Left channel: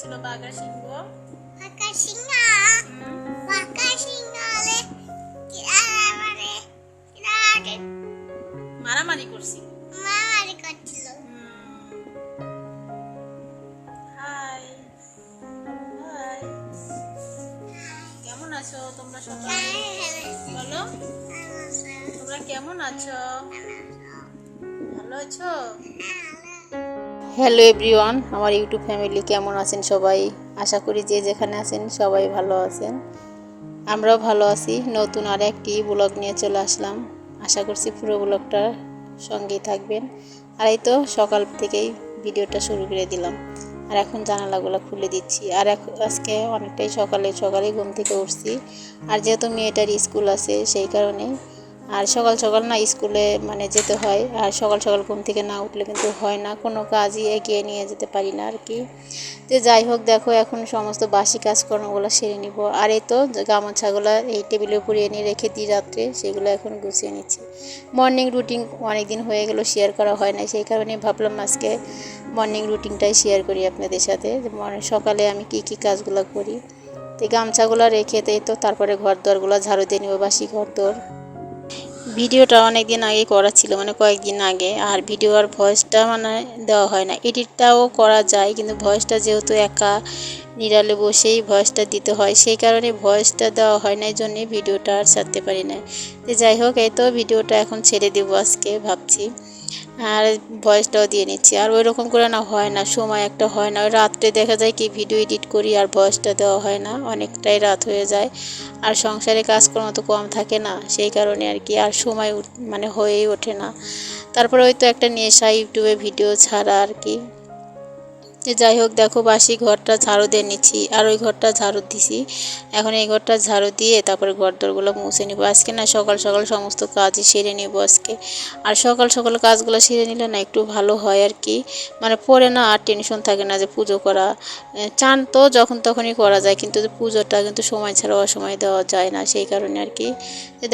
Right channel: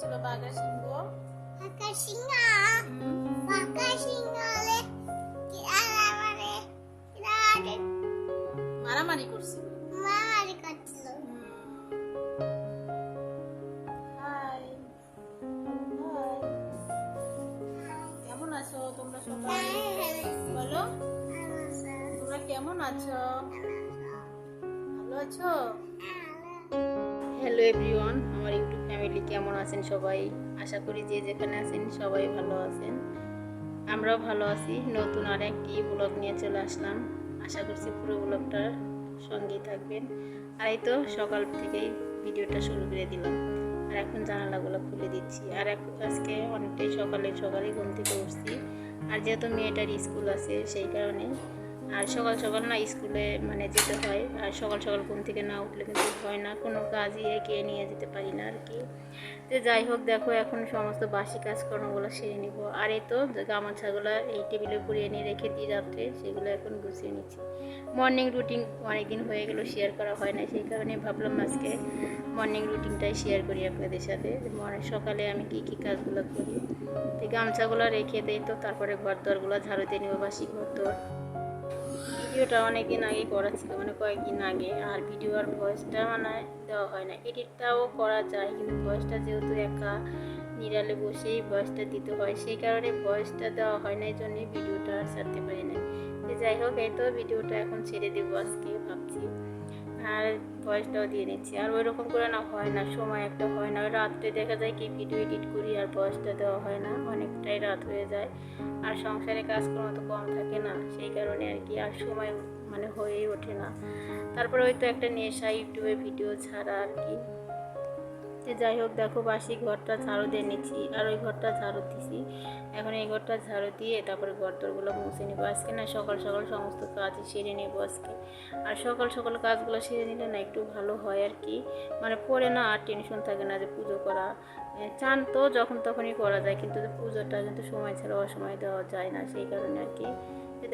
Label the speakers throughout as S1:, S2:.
S1: করছিল
S2: বাঘা সিংহ
S1: বাঁকা সিংহ বাঁকা সিংহ হলে কিরারে কিরারে
S2: মারামারি করছিল।
S1: মারামারি করছিল।
S2: Hi hi. কেমন আছো তোমরা সবাই? বলো। তোমরা কেমন আছো? ভালো আছো। হ্যালো এভরিওয়ান, আমার ইউটিউব ফ্যামিলি কেমন আছেন সবাই? আশা করি যে যেখানে আছেন সবাই ভালো আছেন। আমরাও ভালো আছি, নতুন আর একটি ব্লগ নিয়ে চলে আসলাম। আশা করছি পুরো ব্লগটার সঙ্গেই থাকবেন। আর এই তো সকাল থেকেই ভিডিওটা শুরু করে দিলাম। আর এখন জানালাগুলো খুলে দিচ্ছি। আর আজকে অনেকটাই সকালে সকালে ঘুম থেকে উঠছি। আর যেহেতু মেয়েটার স্কুল আছে, সেই কারণে আর সকাল সকাল না স্কুলে মানে যেতে হয়, আর সকাল সকাল ঘুম থেকে না উঠলে কিন্তু হয় না, কোনো কাজই এগিয়ে নিয়ে যেতে পারি না আর কি তো যাই হোক, দেখো এখন সমস্ত বাসি কাজকর্মগুলো সেরে নিব। আর এই তো গামছাগুলো এই টেবিলের উপরে এনে রেখে দিই রাত্রে, সেগুলো এখন গুছিয়ে নিচ্ছি। মর্নিং রুটিন অনেক দিন হয়ে গেল শেয়ার করা হয় না সেই কারণে ভাবলাম আজকে মর্নিং রুটিনটাই শেয়ার করি আপনাদের সাথে সকালে আমি কি কি কাজগুলো করি। তো গামছাগুলো রেখে দেই তো, তারপরে ঘর দরগুলো ঝাড়ু দিয়ে নিব, বাসি ঘর দর ভিডিওটা অনেক দিন আগে করা ছিল মানে কয়েকদিন আগে, আর ভিডিও আর ভয়েসটা মানে দেওয়া হয় না। এডিটটাও করা যায়, কিন্তু ভয়েসটা যেহেতু একা, নিরালে বসেই ভয়েসটা দিতে হয়, সেই কারণে ভয়েসটা দেওয়া হয় না এই জন্যে ভিডিওটা আর ছাড়তে পারি না। যাই হোক, এই তো ভিডিওটা এখন ছেড়ে দেবো আজকে, ভাবছি। আর ভয়েসটাও দিয়ে নিচ্ছি। আর ওই রকম করে না হয় না, সময় একটা হয় না। ওই রাত্রে দেখা যায় কি ভিডিও এডিট করি আর ভয়েসটা দেওয়া হয় না। অনেকটাই রাত হয়ে যায়। আর সংসারে কাজকর্ম তো কম থাকে না, সেই কারণে আর কি আর সময় মানে হয়েই ওঠে না। তারপরে ওই তো একটা নেশা, ইউটিউবে ভিডিও ছাড়া আর কি। তো যাই হোক, দেখো বাসি ঘরটা ঝাড়ু দিয়ে নিচ্ছি, আর ওই ঘরটা ঝাড়ু দিছি। এখন এই ঘরটা ঝাড়ু দিয়ে তারপরে ঘর দরগুলো মুছে নিব। আজকে না সকাল সকাল সমস্ত কাজই সেরে নেব আজকে। আর সকাল সকাল কাজগুলো সেরে নিলে না একটু ভালো হয় আর কি। মানে পরে না আর টেনশন থাকে না যে পুজো করা। চান তো যখন তখনই করা যায়, কিন্তু পুজোটা কিন্তু সময় ছাড়া অসময় দেওয়া যায় না সেই কারণে আর কি।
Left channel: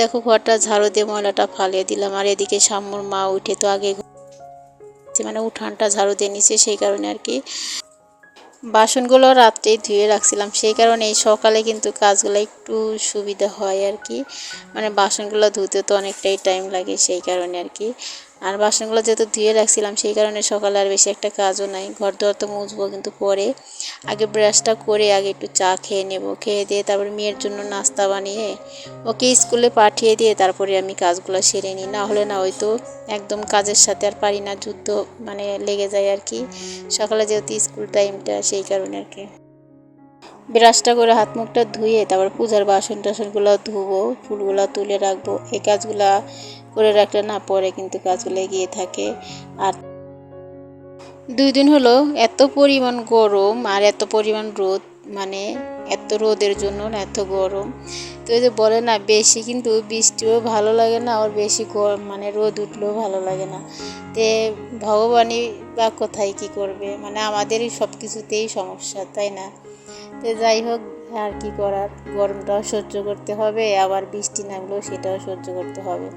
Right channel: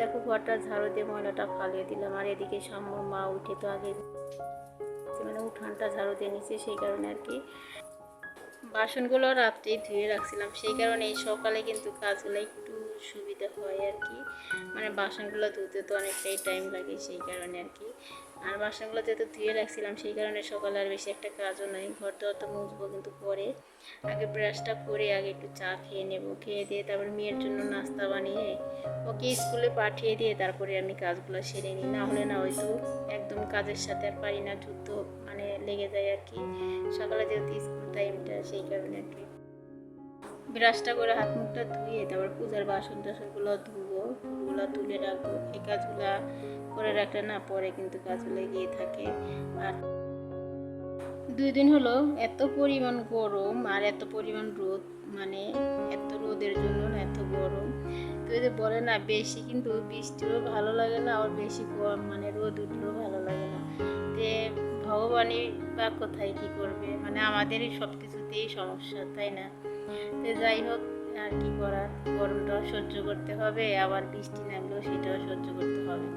S2: দেখো ঘরটা ঝাড়ু দিয়ে ময়লাটা ফালিয়ে দিলাম, আর এদিকে শাম্মুর মা উঠে তো আগে মানে উঠানটা ঝাড়ু দিয়ে নিচ্ছে সেই কারণে আর কি। বাসনগুলো রাত্রেই ধুয়ে রাখছিলাম, সেই কারণে এই সকালে কিন্তু কাজগুলো একটু সুবিধা হয় আর কি। মানে বাসনগুলো ধুতে তো অনেকটাই টাইম লাগে, সেই কারণে আর কি। আর বাসনগুলো যেহেতু ধুয়ে রাখছিলাম, সেই কারণে সকালে আর বেশি একটা কাজও নাই। ঘর দর তো মুছবো কিন্তু পরে। আগে ব্রাশটা করে আগে একটু চা খেয়ে নেব। খেয়ে দিয়ে তারপর মেয়ের জন্য নাস্তা বানিয়ে ওকে স্কুলে পাঠিয়ে দিয়ে তারপরে আমি কাজগুলো সেরে নিই। না হলে না হয়তো একদম কাজের সাথে আর পারি না, যুদ্ধ মানে লেগে যায় আর কি। সকালে যেহেতু স্কুল টাইমটা, সেই কারণে আর কি। ব্রাশটা করে হাত মুখটা ধুয়ে তারপর পূজার বাসন টাসনগুলো ধুবো, ফুলগুলো তুলে রাখব। এই কাজগুলা করে রাখলে না পরে কিন্তু কাজগুলো এগিয়ে থাকে। আর দুই দিন হলো এত পরিমাণ গরম আর এত পরিমাণ রোদ মানে এত রোদের জন্য না এত গরম। তো ওই যে বলে না, বেশি কিন্তু বৃষ্টিও ভালো লাগে না আর বেশি গরম মানে রোদ উঠলেও ভালো লাগে না। তে ভগবানই বা কোথায় কি করবে? মানে আমাদেরই সব কিছুতেই সমস্যা, তাই না? তো যাই হোক, আর কি করার? গরমটাও সহ্য করতে হবে, আবার বৃষ্টি নামলেও সেটাও সহ্য করতে হবে।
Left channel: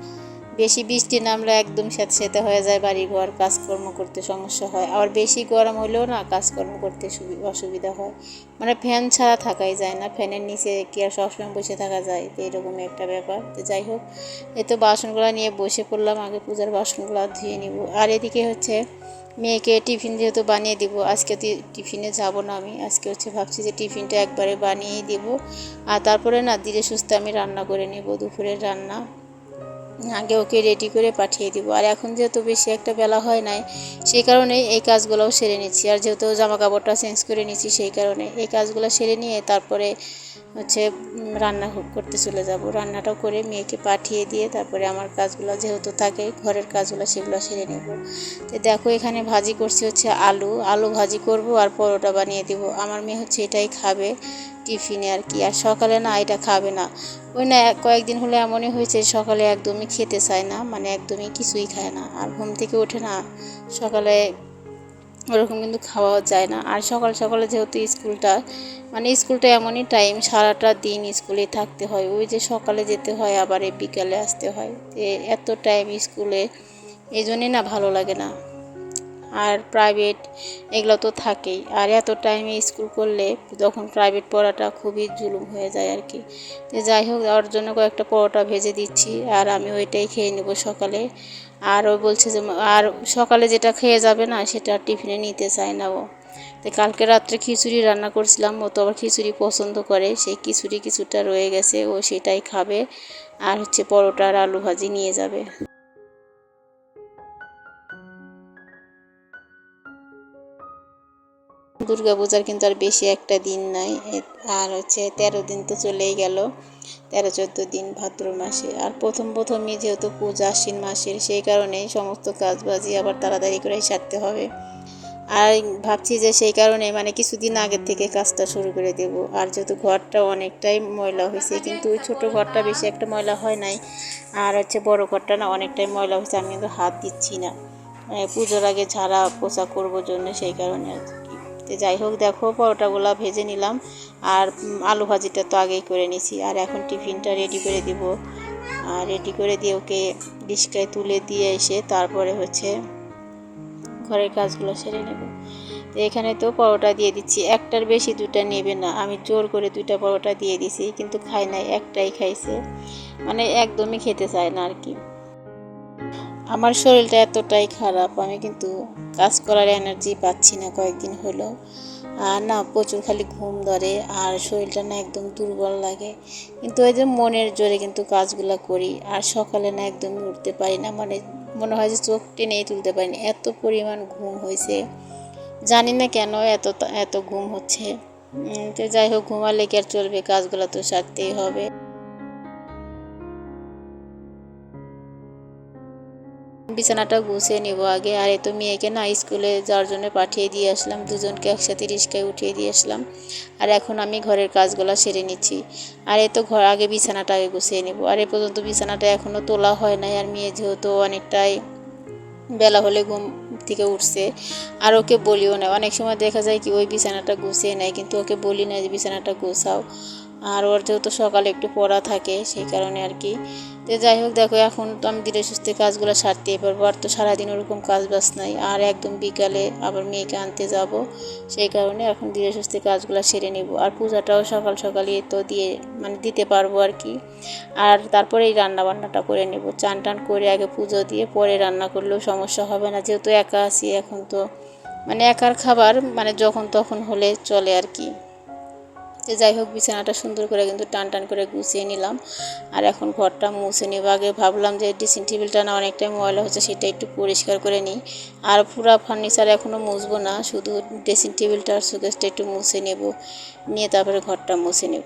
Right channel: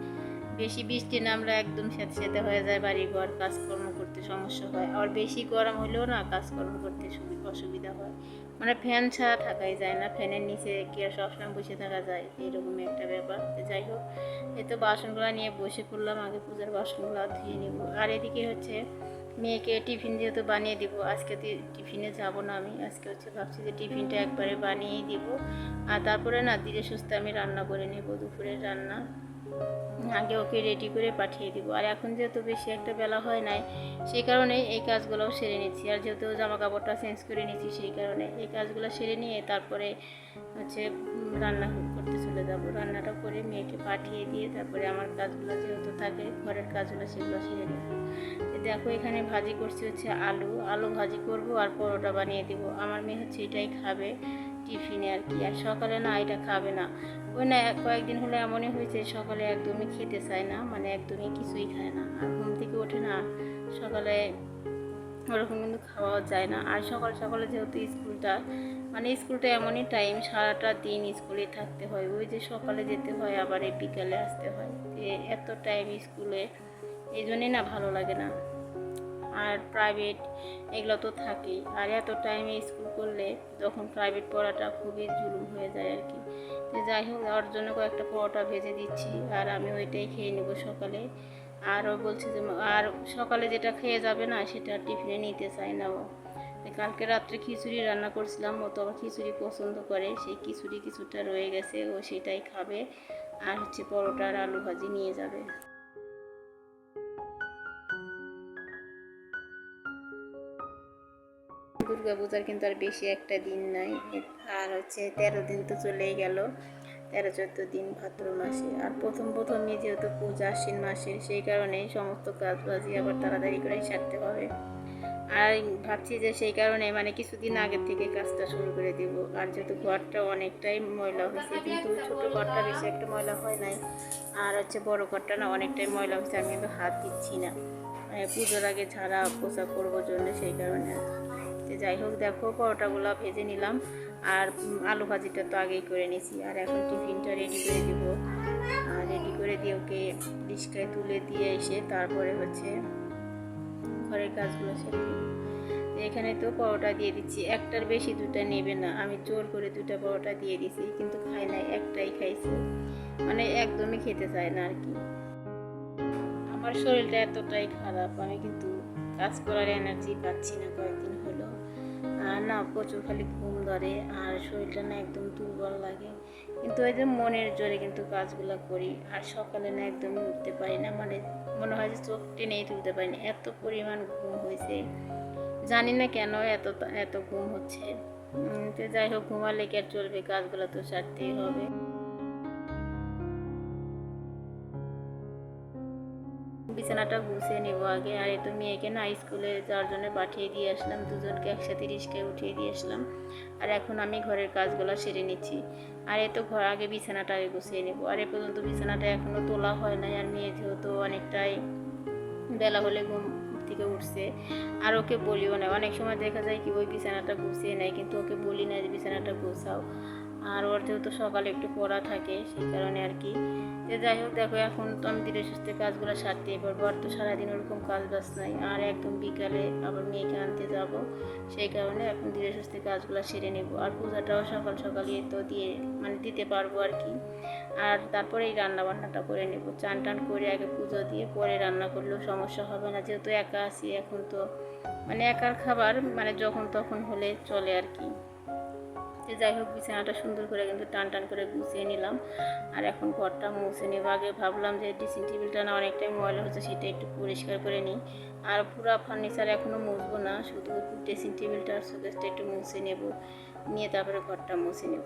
S2: বেশি বৃষ্টি নামলে একদম স্যাঁতস্যাঁতে হয়ে যায় বাড়ি ঘর কাজকর্ম করতে সমস্যা হয়। আবার বেশি গরম হলেও না কাজকর্ম করতে সুবি- অসুবিধা হয়। মানে ফ্যান ছাড়া থাকাই যায় না। ফ্যানের নিচে কি আর সবসময় বসে থাকা যায়? তো এরকমই একটা ব্যাপার। তো যাই হোক, এই তো বাসনগুলো নিয়ে বসে পড়লাম। আগে পূজার বাসনগুলো ধুয়ে নিব। আর এদিকে হচ্ছে মেয়েকে টিফিন যেহেতু বানিয়ে দিব, আজকে টিফিনে যাব না আমি। আজকে হচ্ছে ভাবছি যে টিফিনটা একবারে বানিয়েই দিব। আর তারপরে না ধীরে সুস্থে আমি রান্না করে নেব, দুপুরের রান্না। আগে ওকে রেডি করে পাঠিয়ে দিব। আর এখন যেহেতু বেশি একটা বেলা হয় নাই, সেই কারণে এই কাজগুলোও সেরে নিচ্ছি। আর যেহেতু জামা কাপড়টা চেঞ্জ করে নিচ্ছি, সেই কারণে এই কাজগুলো সেরে নিয়ে তারপরে হচ্ছে রান্না করতে চলে যাব। রান্নাটাও করে মেয়েকে পাঠিয়ে দিয়ে তারপরে আমার কাজগুলো যেহেতু থাকে, ঘরের কাজগুলো সেগুলো সেরে নেব। তো দেখো, এখানে ভাজি করছি হচ্ছে আলু। আলু ভাজি করব আর পরোটা বানিয়ে দেবো। আমার মেয়ে হচ্ছে এটাই খাবে টিফিনে আর কি। আর সকালে না, এটা খাবে না। ওই না, কয়েকদিন হলে এমনই হয়েছে, সকালে একদমই খেতে চায় না। মানে একদমই কিছুই খায় না। আর ঘুম থেকে ওঠে না। সকালে ওরকম কিন্তু খাওয়া যায় না। আর সকাল সকালে যেহেতু স্কুলটা মানে স্কুলটা এমনই টাইম সারাটা দিন স্কুলে থাকতে হয়। ওই যে সকালে যেতে হয়, আবার বিকালে আসতে হয়। এত টাইম স্কুলে, এই জন্যে না ভালো লাগে না। আর প্রাইভেট এগুলো তো থাকেই। আর এত টাইমে স্কুল করলে তখন প্রাইভেট পড়াটা খুবই জুলুম হয়ে যায় আর কি। যাই হোক, ওর জন্য কয়েকটা পরোটা ভেজে দিচ্ছি আর আমি ওইটাই খেয়ে নেব সকালে। আর ও বলছে যে, আর সকালে যেটা খেয়ে যাবে না, সেটা টিফিনে নিতে চায় না ও। তো কালকে রাত্রে খিচুড়ি রান্না করছিলাম, ও তো আবার খিচুড়ি পছন্দ করে, সেই খিচুড়ি কিছুটা রয়ে গেছে, ও সেটাই খাবে। আর হচ্ছে পরোটা আর আলু ভাজি নিয়ে যাবে। দুর্গাপূজার কিন্তু আর বেশি একটা দিন নাই। আর হচ্ছে তেরো দিন তো চলেই গেল। তেরো চোদ্দ দিন ভাদ্র মাসে। আর প্রথম প্রথমই যেহেতু পূজা আশ্বিন মাসের, সেই কারণেই সমস্ত কাজবাজি আবার তাড়াতাড়ি করেই সারতে হবে। আর ভাবছি যে সেই কারণে মানে কিছুদিন আগের থেকে কাজটা শুরু করে দেব। আর যেহেতু ঘরটা অনেকটাই ময়লা হয়েছে, কিন্তু ওই ছোটো ঘরটা বেশি একটা ময়লা হয় নাই। আর হচ্ছে বড় ঘরটা না অনেকটাই ময়লা হয়েছে, আমি কিন্তু হাত দিচ্ছি না। মানে পুজোর আগে ঝাড়া পোছা করব জন্য সেই কারণে আর তো যাই হোক, দেখো, পরোটাগুলো ভেজে নিলাম। আর আলু ভাজিটা তো আগেই করে নিয়েছি আর এখন টিফিনটা রেডি করে দিব। আর রেডি করে দিয়ে ওকে ডিসকায় তুলে দিয়ে এসে তারপরে হচ্ছে ঘরের কাজগুলো সেরে নেব। তো এখানে তো পরোটা দিয়ে দিচ্ছি। একটার বেশি দুটা নেবে না। আমি জোর করে দুইটা পরোটা দিয়ে দিছি, কিন্তু খায় নাই, একটাই খাইছে। মানে একদমই খেতে চায় না আর কি। আমার শরীরটা এতটাই খারাপ, আমি কিন্তু কাজ করার এনার্জি পাচ্ছি না কয়েকদিন হলো। আর না, প্রচুর খালি ঘুম ধরে আর শরীরটা না একদম দুর্বল লাগে। কিন্তু ওই যে মনের জোরে কিন্তু কাজগুলো করি আর সকালে না একদমই উঠতে পারি না। মানে মনে হয় যে চোখ টেনেই তুলতে পারি না এত পরিমাণ ঘুম হয়েছে। জানি না কেন এত এত ঘুম হচ্ছে। তো যাই হোক, ঘুমালে কি আর চলবে? কাজগুলো তো সারতেই হবে। বিছানাটা গুছিয়ে নেব আগে। আর এত মেয়েকে না স্কুলে যাওয়ার জন্য পাঠিয়ে দিয়ে আসলাম, দুজনকে একসাথে রিস্কায় উঠিয়ে দিয়ে আসলাম। আর এখন আমি ঘরের কাজগুলো সেরে নিচ্ছি। আর এই তো ঘর আগে বিছানাটা আগে গুছিয়ে নেব। আর এ পর্যন্ত বিছানাটা এখনও তোলা হয় নাই। আর মেয়ে যেহেতু অনেকটাই বেলা হলে ঘুম থেকে উঠছে, আর ওকে বলিও না। অনেক সময় দেখা যায় কি ওই বিছানাটা গুছিয়ে নেয়, কিন্তু ওকে বলি না যে বিছানাটা গোছাও। আর ওর যেহেতু সকালে একটু পড়া থাকে সেই কারণে আর কি। তো যাই হোক দেখো এখন তো আমি ধীরে সুস্থে কাজগুলো সারতেই পারব। আর তো সারাদিন ওরকম কাজ বাজ নাই। আর একদম বিকালে আবার মেয়েকে আনতে যাব। সেই কারণে এখন ধীরে সুস্থে কাজগুলো সেরে নেব। আর পূজাটাও সকাল সকালই তো দিয়ে মানে দিতে পারব আর কি। আর তারপরে এই রান্না বান্নাটা করে নেব। চান টান করে আগে পুজো দিয়ে পরে রান্না করলেও সমস্যা হবে না। যেহেতু একা আছি এখন তো মানে একার খাবার মানে যখন তখন হলে চলে আর কি। তো যাই হোক, বিছানাটা সুন্দর করে কিন্তু টান টান করে গুছিয়ে নিলাম। আর এখন ঘরটা মুছে নেব। আগে ভাবলাম যে ড্রেসিং টেবিলটা না অনেকটাই ময়লা হচ্ছে, সেটা একটু পরিষ্কার করে নিই। আর পুরো ফার্নিচার এখনও মুছবো না, শুধু ড্রেসিং টেবিলটা আর একটু মুছে নেব। নিয়ে তারপরে ঘরটা মুছে নেব।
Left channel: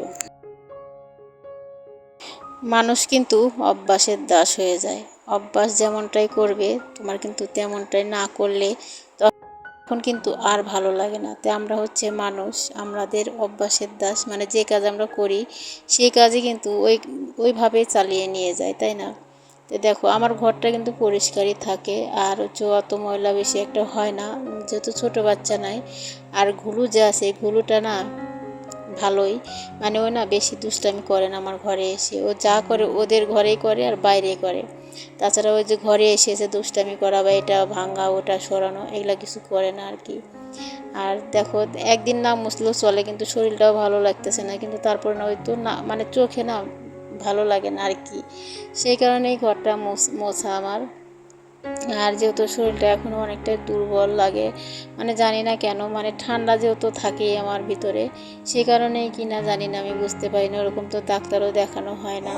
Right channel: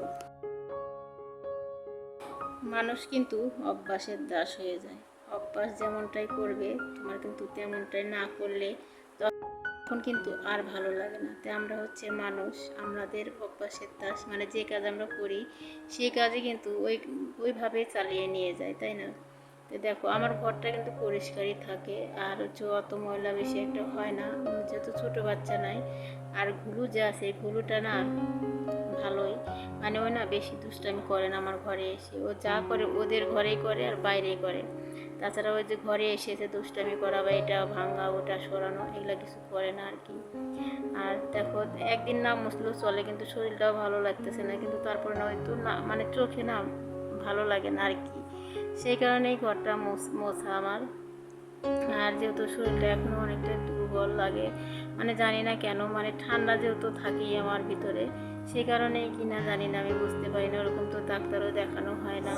S2: মানুষ কিন্তু অভ্যাসের দাস হয়ে যায়। অভ্যাস যেমনটাই করবে, তোমার কিন্তু তেমনটাই না করলে তখন কিন্তু আর ভালো লাগে না। তো আমরা হচ্ছে মানুষ, আমাদের অভ্যাসের দাস মানে যে কাজ আমরা করি, সেই কাজই কিন্তু ওই ওইভাবে চালিয়ে নিয়ে যায়, তাই না? তো দেখো, আমার ঘরটা কিন্তু পরিষ্কারই থাকে, আর হচ্ছে অত ময়লা বেশি একটা হয় না যেহেতু ছোটো বাচ্চা নাই, আর ঘুলু যে আছে ঘুলুটা না ভালোই মানে ও না বেশি দুষ্টামি করে না আমার ঘরে এসে, ও যা করে ওদের ঘরেই করে আর বাইরে করে। তাছাড়া ওই যে ঘরে এসে এসে দুষ্টামি করা বা এটা ভাঙা, ওটা সরানো, এগুলা কিছু করে না আর কি। আর দেখো, একদিন না মুছলেও চলে, কিন্তু শরীরটাও ভালো লাগতেছে না, কিন্তু তারপরে না ওই তো না মানে চোখে না ভালো লাগে না আর কি। সেই কারণেই ঘরটা মোছা আমার। আর যেহেতু শরীরটা এখনও অনেকটাই দুর্বল লাগে মানে জানি না কেন মানে ঠান্ডা যেহেতু থাকেই আমার ভিতরে সে কারণেই কি না জানি না, আমি বুঝতে পারি না, ওরকম তো ডাক্তারও দেখানো হয় না।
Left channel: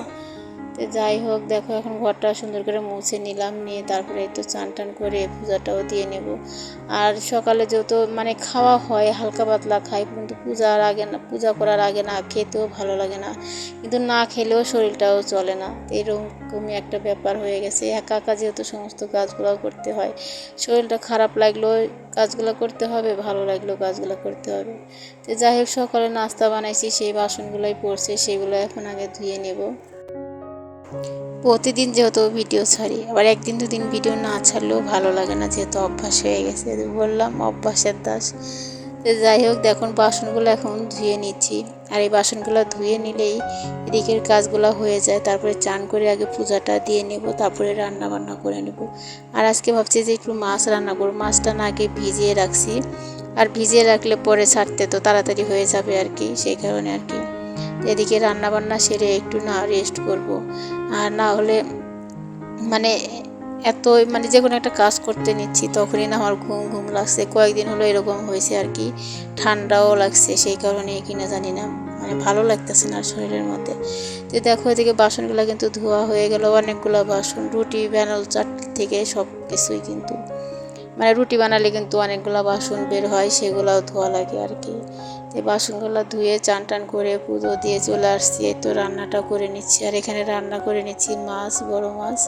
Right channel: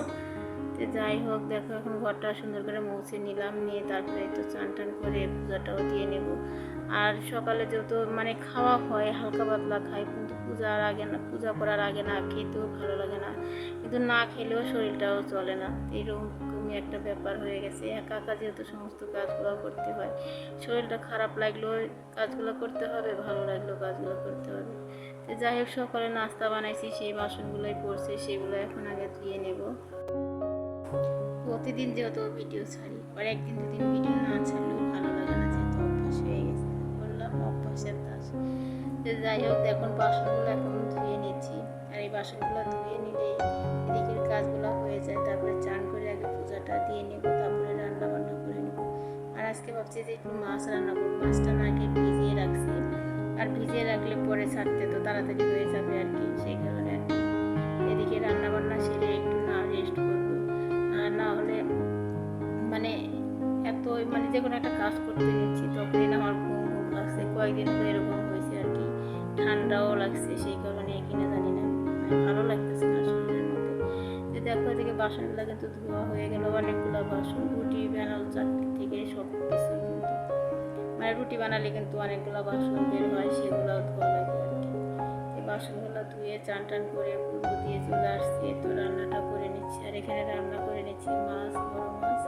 S2: তো যাই হোক, দেখো এখন ঘরটা সুন্দর করে মুছে নিলাম, নিয়ে তারপরে একটু চান টান করে পূজাটাও দিয়ে নেব। আর সকালে যেহেতু মানে খাওয়া হয়, হালকা পাতলা খাই, কিন্তু পূজার আগে না, পূজা করার আগে না খেতেও ভালো লাগে না। কিন্তু না খেলেও শরীরটাও চলে না। এরকমই একটা ব্যাপার হয়ে গেছে। একা একা যেহেতু সমস্ত কাজগুলো করতে হয়, শরীরটা খারাপ লাগলেও কাজগুলো করতে হবে, ভালো লাগলেও কাজগুলো করতে হবে। তো যাই হোক, সকালে নাস্তা বানাইছি, সেই বাসনগুলোই পড়ছে, সেগুলো এখন আগে ধুয়ে নেব। প্রতিদিন যেহেতু ভিডিও ছাড়ি, আবার একদিন দুদিন ভিডিও না ছাড়লেও ভালো লাগে না, যেহেতু অভ্যাস হয়ে গেছে। বললাম, অভ্যাসের দাস। যাই হোক, দেখুন, বাসনগুলো এখন ধুয়ে নিচ্ছি। আর এই বাসনগুলো ধুয়ে নিলেই এদিকের কাজগুলো হয়ে যায়। তারপরে চান করে আগে পূজাটা দিয়ে নেব, তারপরে রান্না বান্না করে নেব। আর আজকে ভাবছি যে একটু মাছ রান্না করব। মাছটা না আগে ভিজিয়ে রাখছি। আর ভিজিয়ে রাখলে পরে ছাড়তে তো তাড়াতাড়ি হয়ে যাবে আর কি, সেই কারণে আর কি। এদিকে রান্না বান্না সেরে একটু না রেস্ট করব। আর না হলে মানে এত মানে যে কোনো একটা কাজ করতে নিচ্ছি, তখনই না আমার ঘুম ঘুম লাগছে। কয়েকদিন হলো এরকম হয়েছে আর কি। ঠান্ডাও লাগছে সেই কারণে কিনা জানি না। মানে ভালো লাগতেছে না শরীরের মধ্যে। তো দেখো এদিকে বাসনগুলো কিন্তু ধোয়া হয়ে গেল, অনেকগুলো বাসন, রুটি ব্যানাল চাটনি থেকে সব কিছুই কিন্তু। মানে রুটি বানালে কিন্তু অনেকগুলো বাসন বের হয়, সেগুলোও ধোয়া লাগে আর কি। তো বাসনগুলো ধুয়ে চান টান করে পুজো দিয়ে চলে আসছি। এই তো রান্নাটা করে নিচ্ছি। আর এখানে রান্না করে নিচ্ছি মাছ, বড় মাছ।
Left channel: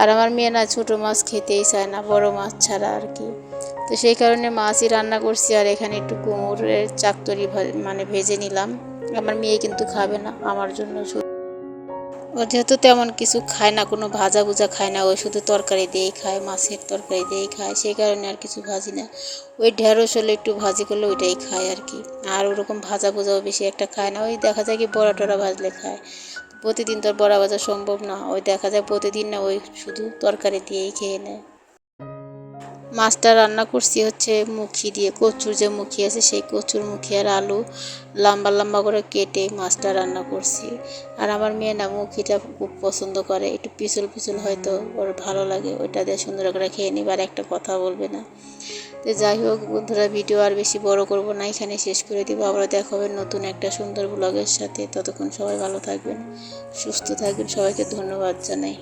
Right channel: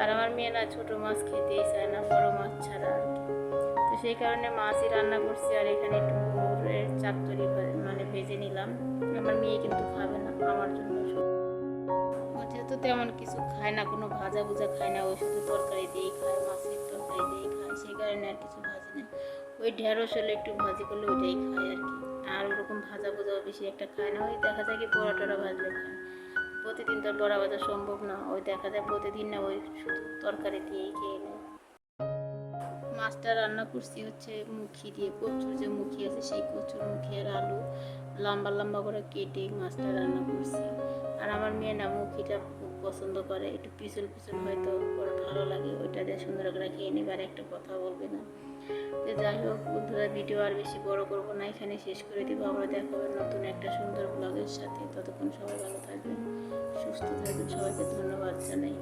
S2: আর আমার মেয়ে না ছোটো মাছ খেতেই চায় না, বড় মাছ ছাড়া আর কি। তো সেই কারণে মাছই রান্না করছি। আর এখানে একটু কুমড়ের চাকতরি মানে ভেজে নিলাম। আমার মেয়ে কিন্তু খাবে না, আমার জন্য ও যেহেতু তেমন কিছু খায় না, কোনো ভাজা ভুজা খায় না, ও শুধু তরকারি দিয়েই খায়, মাছের তরকারি দিয়েই খায়, সেই কারণে আর কিছু ভাজি না। ওই ঢেঁড়স হলে একটু ভাজি করলে ওইটাই খায় আর কি। আর ওরকম ভাজা ভুজাও বেশি একটা খায় না, ওই দেখা যায় কি বড়া টড়া ভাজলে খায়। প্রতিদিন তো বড়া ভাজা সম্ভব না, ওই দেখা যায় প্রতিদিন না, ওই শুধু তরকারি দিয়েই খেয়ে নেয়। মাছটা রান্না করছি হচ্ছে মুখি দিয়ে, কচুর যে মুখি আছে সেই কচুর মুখি আর আলু লম্বা লম্বা করে কেটে মাছটা রান্না করছি। আর আমার মেয়ে না মুখিটা খুব পছন্দ করে, একটু পিছল পিছল হয়তো ওর ভালো লাগে, ওইটা দিয়ে সুন্দর করে খেয়ে নিবে আর একটা কথা বলবে না। তো যাই হোক বন্ধুরা, ভিডিও আর বেশি বড় করব না, এখানে শেষ করে দিব। আবার দেখা হবে নতুন একটা সুন্দর ব্লগের সাথে। ততক্ষণ সবাই ভালো থাকবেন, সুস্থ থাকবেন। সবাইকে ধন্যবাদ জানাই।